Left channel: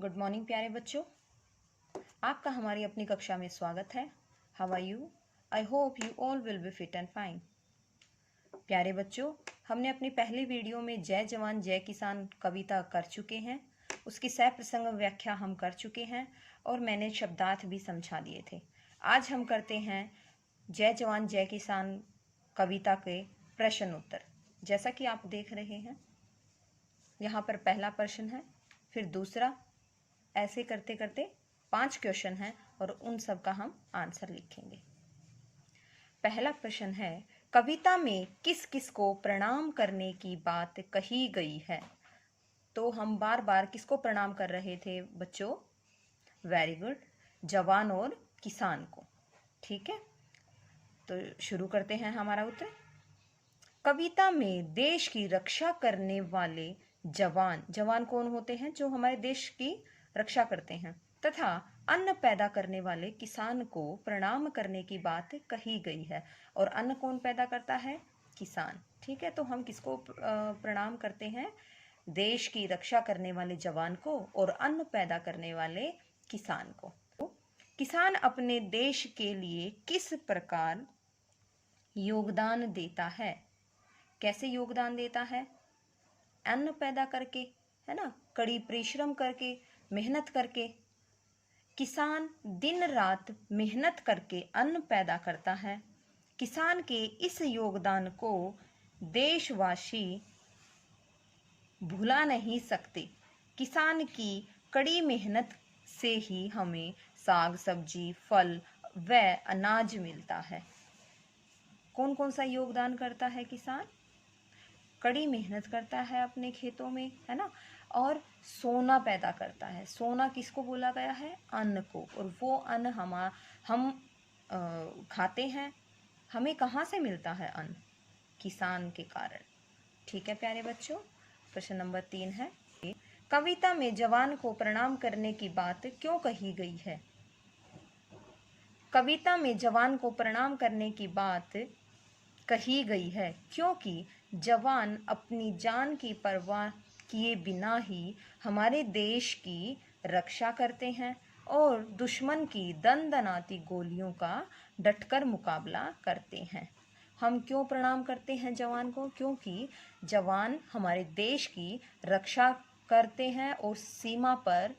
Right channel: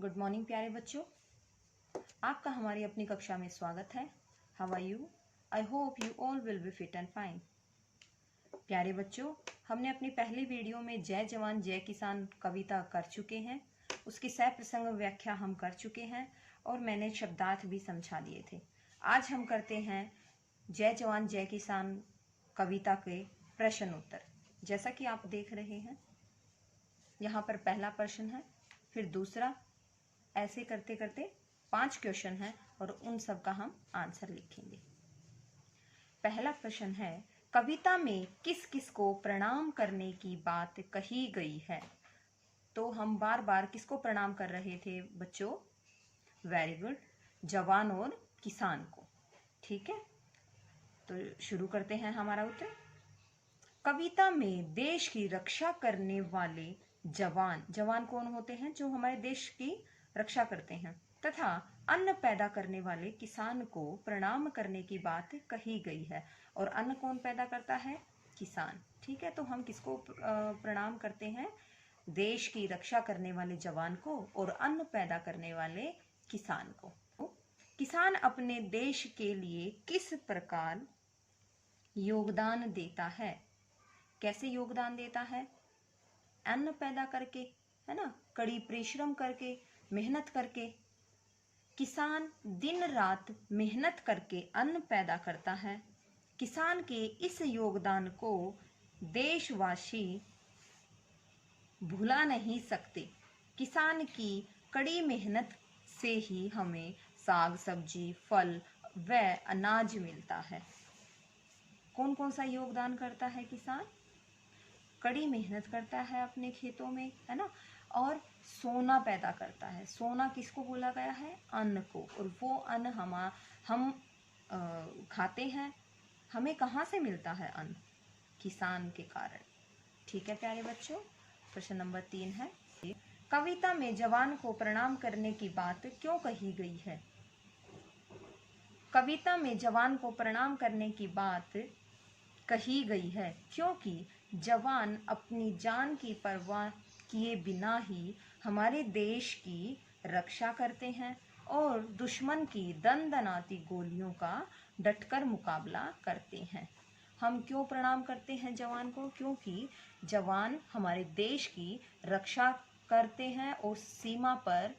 Good morning प्यारे बच्चों, आपका हमारी अपनी कक्षा में स्वागत है। How are you? I hope you all will be fit and fine. प्यारे बच्चों, हमने अपनी पहली वीडियो में जय जवान जय किसान कविता कर चुके हैं। उसकी सह प्रसंग व्याख्या हम कर चुके हैं और मैंने शब्दार्थ भी समझा दिए थे। आज हम करते हैं जय जवान जय किसान कविता के प्रश्न उत्तर। जैसा कि आप देख रहे हैं, यहाँ पर पहला प्रश्न है, फिर दूसरा, ऐसे करते करते 5 क्वेश्चन हैं और उन सब का हम आंसर लिखेंगे। पहला प्रश्न है, कविता में किस किस को प्रणाम करने की बात कही गई है? तो हम बार बार किसको प्रणाम कर रहे थे बच्चों? वेरी गुड, जवान और किसान को। ठीक है, तो शुरू करते हैं हमारा उत्तर। कविता में देश की रक्षा करने वाले जवान कौन होते हैं? जो हमारे देश की रक्षा करते हैं, तथा अन्न पैदा करने वाले किसान को प्रणाम करने की बात कही गई है। और अन्न कौन पैदा करता है? किसान। ठीक है, तो हम किसको प्रणाम करते हैं? देश की रक्षा करने वाले जवान को और अन्न पैदा करने वाले किसान को। किसान अपने देश के लिए किस प्रकार योगदान देता है? कैसे योगदान देता है? अन्न पैदा करके, है ना, कड़ी परिश्रम करके, मेहनत करके। किसान दिन रात मेहनत करके अन्न पैदा करता है। किसान के इस योगदान को देशवासी भुला नहीं सकते। किसान की कड़ी मेहनत से ही हमें साग सब्जी, फल व अनाज मिलता है। कौन कौन सा योगदान करता है किसान? कड़ी मेहनत करता है अपने खेतों में, है ना, और सोना पैदा करता है। सोना किसको बोला गया है? अन्न को। और वो अन्न हम खाते हैं। हमें कहाँ से मिलता है अन्न? किसान के कारण। ठीक है प्यारे बच्चों, प्रश्न नंबर 3 है, कविता में जवान को प्रणाम करने की बात क्यों कही गई है? कविता में जवान को प्रणाम करने की बात कही गई है क्योंकि जवान अपनी जान की परवाह किए बिना ही हमारे देश की रक्षा करते हैं और दुश्मन की दनदनाती गोलियों का डटकर मुकाबला करते हैं। हम क्यों प्रणाम करते हैं जवान को? क्योंकि जवान हमारे देश की रक्षा करते हैं और सीमा पर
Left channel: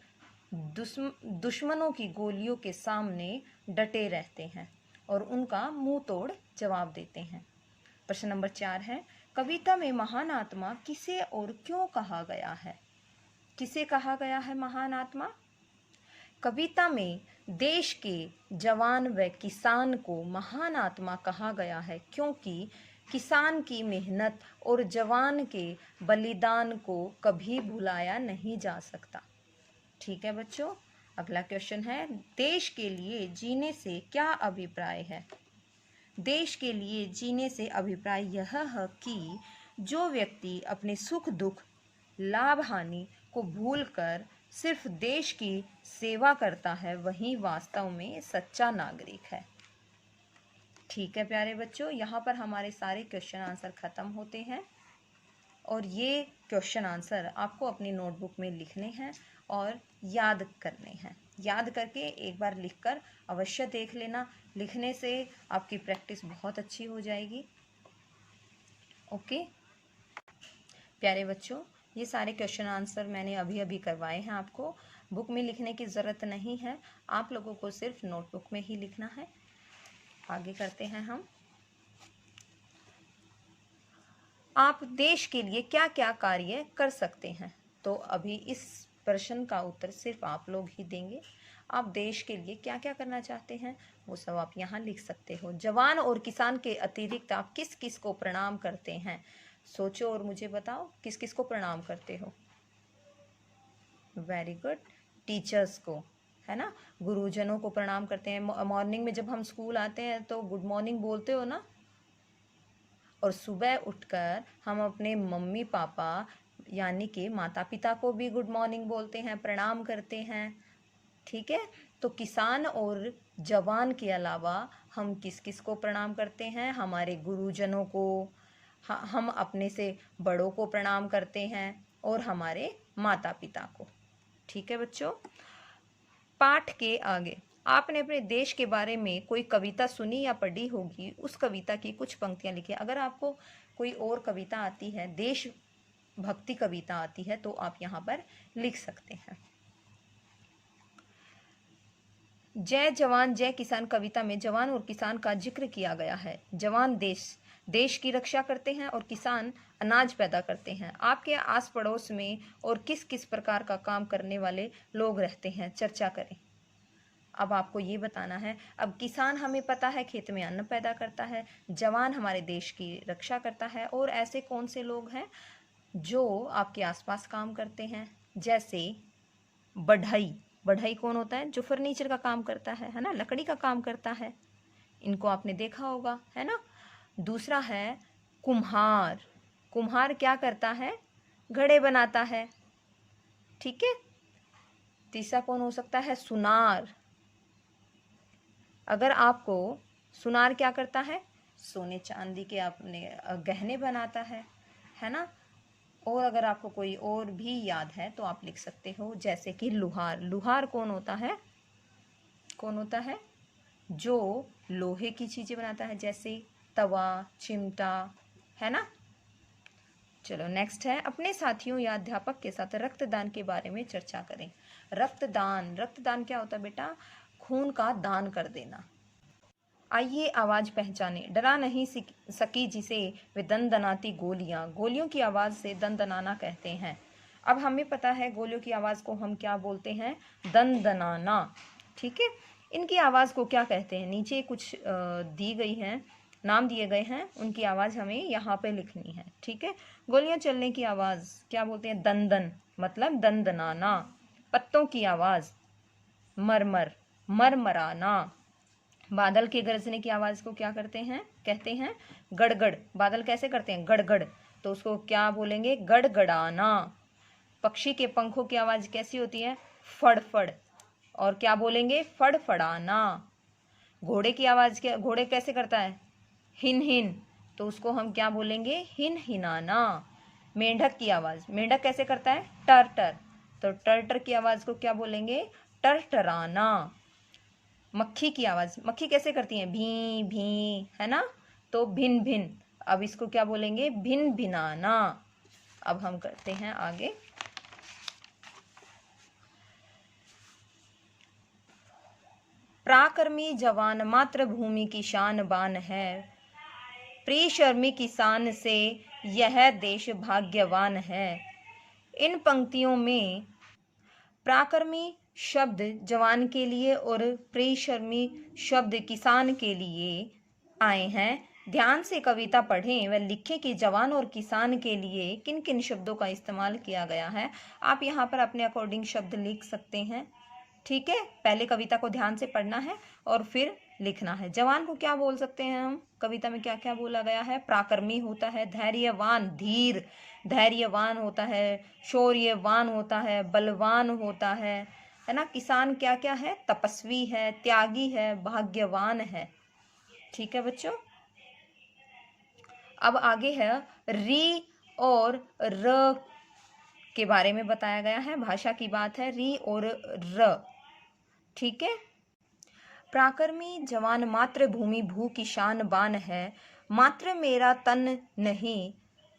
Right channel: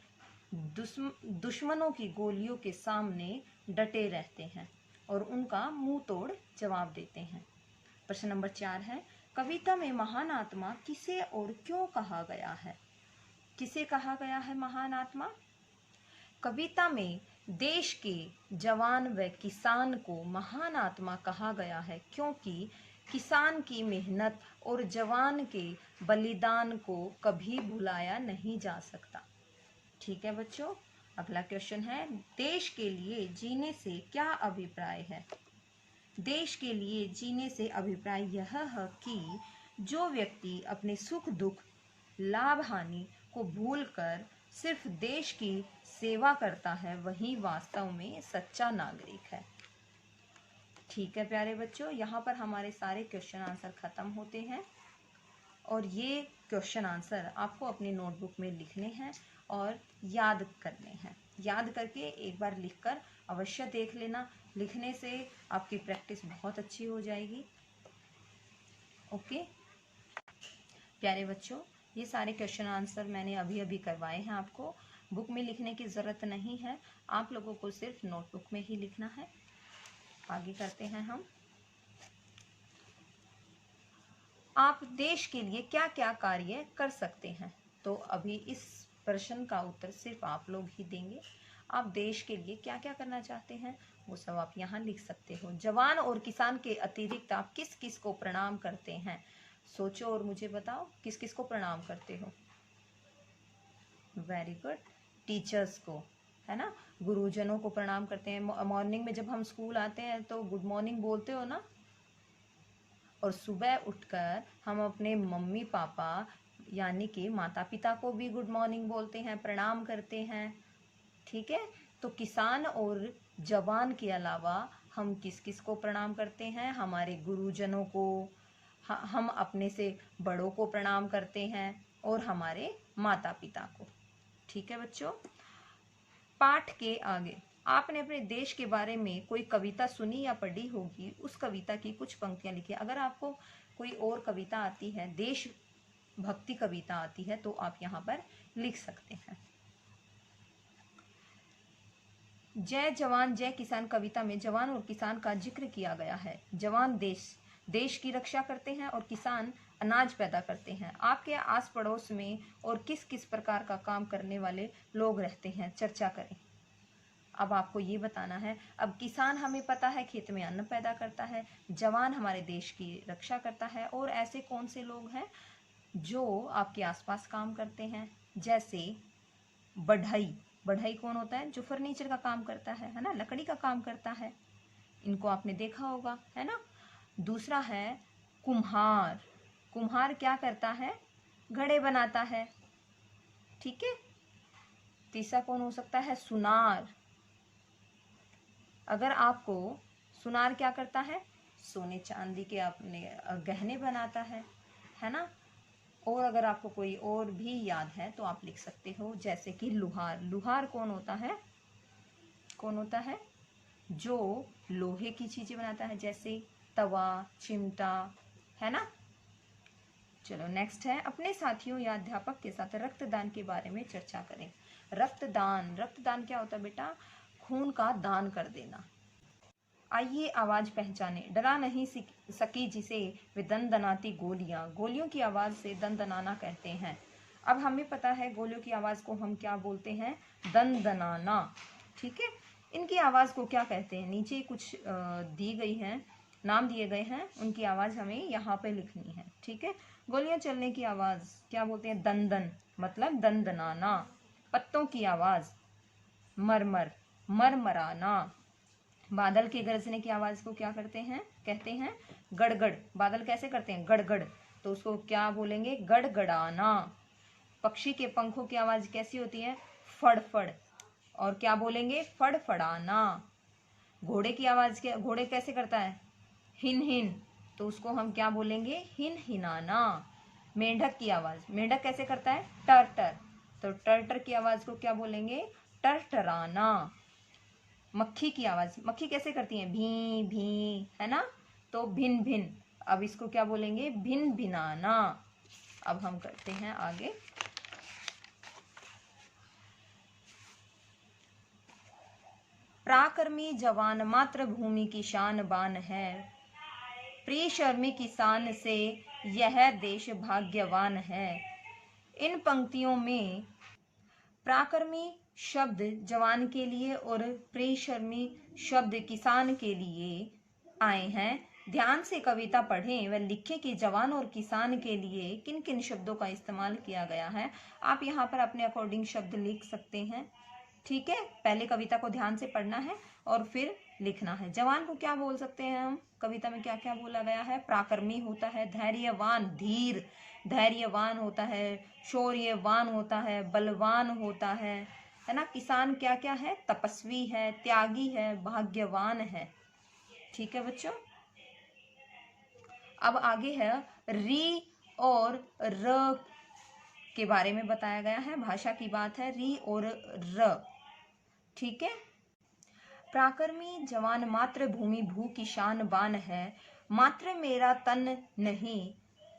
दुश्मनों की गोलियों के सामने डटे रहते हैं और उनका मुंह तोड़ जवाब देते हैं। प्रश्न नंबर 4 है, कविता में महान आत्मा किसे और क्यों कहा गया है? किसे कहा गया है महान आत्मा? कविता में देश के जवान व किसान को महान आत्मा कहा गया है क्योंकि किसान की मेहनत और जवान के बलिदान को कभी भुलाया नहीं जा सकता। ठीक है बच्चों, अगला क्वेश्चन है, देश के लिए जीने से क्या अभिप्राय है? देश के लिए जीने से अभिप्राय यह है कि जो व्यक्ति अपने सुख दुख, लाभ हानि को भूलकर सिर्फ देश की सेवा करता है, वही वास्तव में सच्चा नागरिक है। ठीक है प्यारे बच्चों, यहाँ पर हमारे सारे क्वेश्चन आंसर खत्म होते हैं और ये क्वेश्चन आंसर आपको अपनी नोटबुक में लिखने हैं और याद करने हैं। याद करके एक बार लिखकर अवश्य देख लेना। लिखने से आपकी प्रैक्टिस बहुत अच्छी हो जाएगी। ओके प्यारे बच्चों, ये सारे क्वेश्चन आंसर मैंने अभी अभी करवाए हैं। आपको बुक में लिखने की ज़रूरत नहीं है, आप लोगों को सिर्फ नोटबुक में ही लिखना है। आगे करते हैं हम, आप देश के लिए क्या क्या कार्य कर सकते हैं? तो अभी इस प्रश्न का उत्तर सिर्फ आप लोग ही देंगे। आप देश के लिए क्या क्या करना चाहते हैं वो सब आप यहाँ लिख सकते हो। जवान और किसान के अतिरिक्त आप किस किस को प्रणाम करते हैं? सोचो और मुझे बताओ, किस किस को प्रणाम करते हो? वेरी गुड, टीचर्स को, है ना, गुरुजनों को प्रणाम करते हैं। मॉर्निंग में जब हम स्कूल आते हैं तो गुड मॉर्निंग बोलते हो ना। और सुबह उठकर हम अपने मम्मी पापा यानी कि माता पिता को भी गुड मॉर्निंग बोलते हैं, प्रणाम करते हैं। ठीक है, तो किसान और जवान के अलावा हम किस किस को प्रणाम करते हैं? हमारे गुरुजनों को, हम अपने से बड़ों को प्रणाम करते हैं और हमारे माता पिता को। ठीक है बच्चों। पाठ के आगे आपने अपने देश के बारे में कोई कविता सुनी या पढ़ी होगी, उस कविता की कुछ पंक्तियां लिखिए। अगर आपको कोई और कविता आती है, देश भक्ति कविता आती है, तो आप यहाँ पर लिख सकते हैं। जय जवान जय किसान कविता में जवान और किसान का जिक्र किया गया है। जवान देश की रक्षा करते हैं और किसान अनाज पैदा करते हैं। आपके आस पड़ोस में और किस किस प्रकार का काम करने वाले लोग रहते हैं, चर्चा करें। अब आपको ये बताना है। अब किसान हमें पता है खेत में अन्न पैदा करता है, जवान हमारे देश की रक्षा करता है, और ऐसे कौन से लोग हैं जो आपके आसपास काम करते हैं, जैसे बढ़ई कौन होता है, जो फर्नीचर का काम करता है ना, लकड़ी का काम करता है, इनको आपने देखा होगा, है ना। दूसरा है कुम्हार क्या करता है, घड़े बनाता है, ठीक है। तीसरा कौन हो सकता है, सुनार। अगर आपको सुनार क्या करता है, सोने चांदी के अपने गहने बनाता है ना। और अगर आपको कोई और भी याद है तो आप लिख सकते हो, जैसे कि लुहार कौन होता है, जो लोहे की चीजें बनाता है, जैसे तवा, चिमटा, है ना। चलो नेक्स्ट है, अपने साथियों या अध्यापक के साथ रक्तदान के बारे में चर्चा करें। रक्तदान क्या होता है बेटा, खून का दान कर देना। आइए आवाज पहचाने, डरा नहीं सकी जिसे वे दनदनाती गोलियों की आवाज से दनदनाना कहते हैं। अब हमें पता है गोलियों की आवाज को हम क्या बोलते हैं, दनदनाना, ठीक है। इनकी आवाज को क्या कहते हैं, नीचे कुछ दी गई हैं, नाम दिए गए हैं, उनकी आवाज हमें यहाँ पे लिखनी है, ठीक है। गोलियां चलने की आवाज क्या बोलते हैं, दन, मतलब दनदनाना। पत्तों की आवाज मरमराना। बादल के गरजने की आवाज को क्या कहते हैं, गड़गड़। बादल कैसे करते हैं, गड़गड़, तो उसको क्या बोलेंगे, गड़गड़ाना। पक्षी के पंखों की आवाज कैसी होती है, फड़फड़, और क्या बोलेंगे, फड़फड़ाना। घोड़े की आवाज क्या, घोड़े कैसे करता है, हिन, तो उसको हम क्या बोलेंगे, हिनाना। मेंढक की आवाज, मेंढक कैसे करता है, टर, तो टर की आवाज को क्या बोलेंगे, टरटराना। मक्खी की आवाज, मक्खी कैसे करती है, भी, है ना, तो भिन। अब इसको क्या बोलेंगे, भिनाना। अब हम करते हैं आगे। पराक्रमी जवान मातृभूमि की शान बान है, परिश्रमी किसान से यह देश भाग्यवान है। इन पंक्तियों में पराक्रमी शब्द जवान के लिए और परिश्रमी शब्द किसान के लिए आए हैं। ध्यान से कविता पढ़ें व लिखें कि जवान और किसान के लिए किन किन शब्दों का इस्तेमाल किया गया है। आप यहाँ पर अपने अकॉर्डिंग शब्द लिख सकते हैं, ठीक है। पहले कविता को ध्यान से पढ़ना है और फिर लिखना है। जवान को क्या बोल सकते हैं हम, कविता में क्या क्या बोला गया है, पराक्रमी होता है, धैर्यवान, धैर्यवान होता है, शौर्यवान होता है, बलवान होता है ना। किसान क्या क्या है, तपस्वी है, त्यागी है, भाग्यवान है, ठीक है बच्चों। अब आगे है री और र के बारे में बताया गया है, भाषा की बात है, री और र, ठीक है। पराक्रमी जवान मातृभूमि भू की शान बान है, मात्र मेरा तन नहीं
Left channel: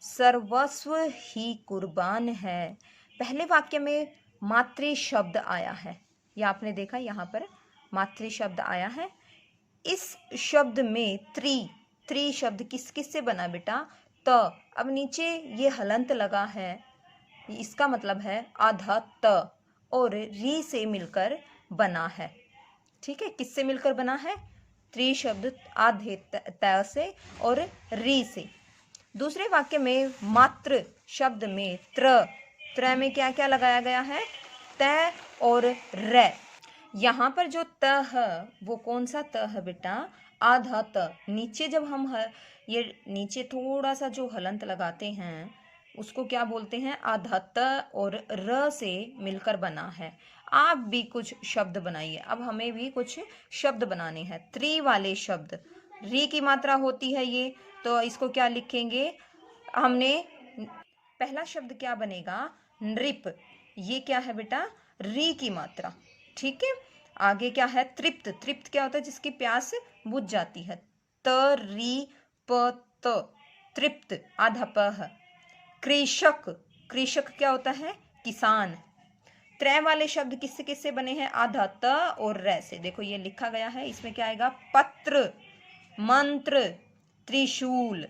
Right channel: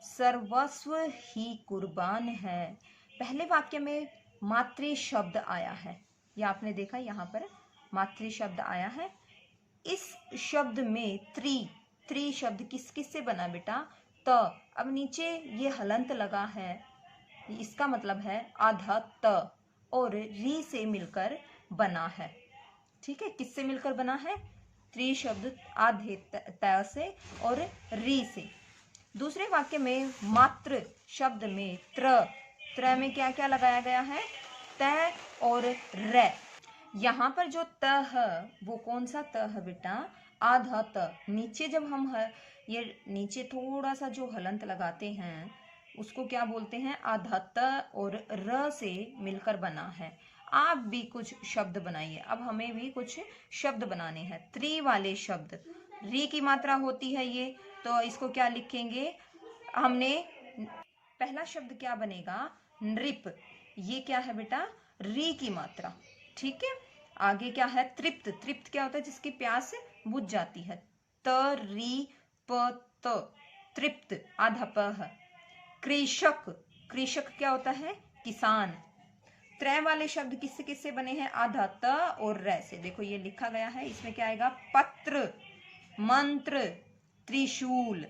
सर्वस्व ही कुर्बान है। पहले वाक्य में मातृ शब्द आया है, या आपने देखा यहाँ पर मातृ शब्द आया है। इस शब्द में त्रि शब्द किस से बना बेटा, त। अब नीचे ये हलंत लगा है, इसका मतलब है आधा त और री से मिलकर बना है, ठीक है। किससे मिलकर बना है, त्रि शब्द आधे त से और री से। दूसरे वाक्य में मात्र शब्द में त्र में क्या क्या लगाया गया है, त और र। यहाँ पर जो त है वो कौन सा त है बेटा, आधा त। नीचे जब हम ये नीचे थोड़ा सा जो हलंत लगाते हैं उसको क्या बोलते हैं, आधा त और र से मिलकर बना है। आप भी कुछ शब्द बनाइए। अब हमें भी कुछ शब्द बनाने हैं, त्रि वाले शब्द। री की मात्रा होती है ये, तो इसको क्या लिखेंगे हमने, पहला शब्द क्या बनेगा, नृप। ये क्या है बेटा, री की मात्रा, ठीक है। आगे क्या है, तृप्त, तृप्त क्या होता है, जिसकी प्यास बुझ जाती है, त री प त, तृप्त, आधा प है। कृषक, कृषक क्या होता है, किसान। त्रय वाले शब्द किससे किससे बने हैं, आधा त और रै से। देखो ये लिखा गया है, इसमें क्या आएगा, पत्र, मंत्र, त्रिशूल,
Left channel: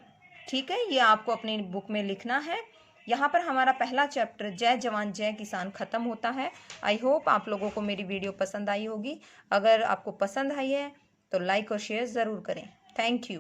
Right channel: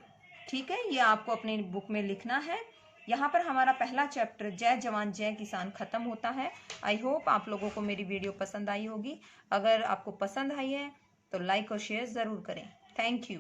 ठीक है। ये आपको अपनी बुक में लिखना है। यहाँ पर हमारा पहला चैप्टर जय जवान जय किसान खत्म होता है। आई होप आप लोगों को मेरी वीडियो पसंद आई होगी। अगर आपको पसंद आई है तो लाइक और शेयर ज़रूर करें। Thank you.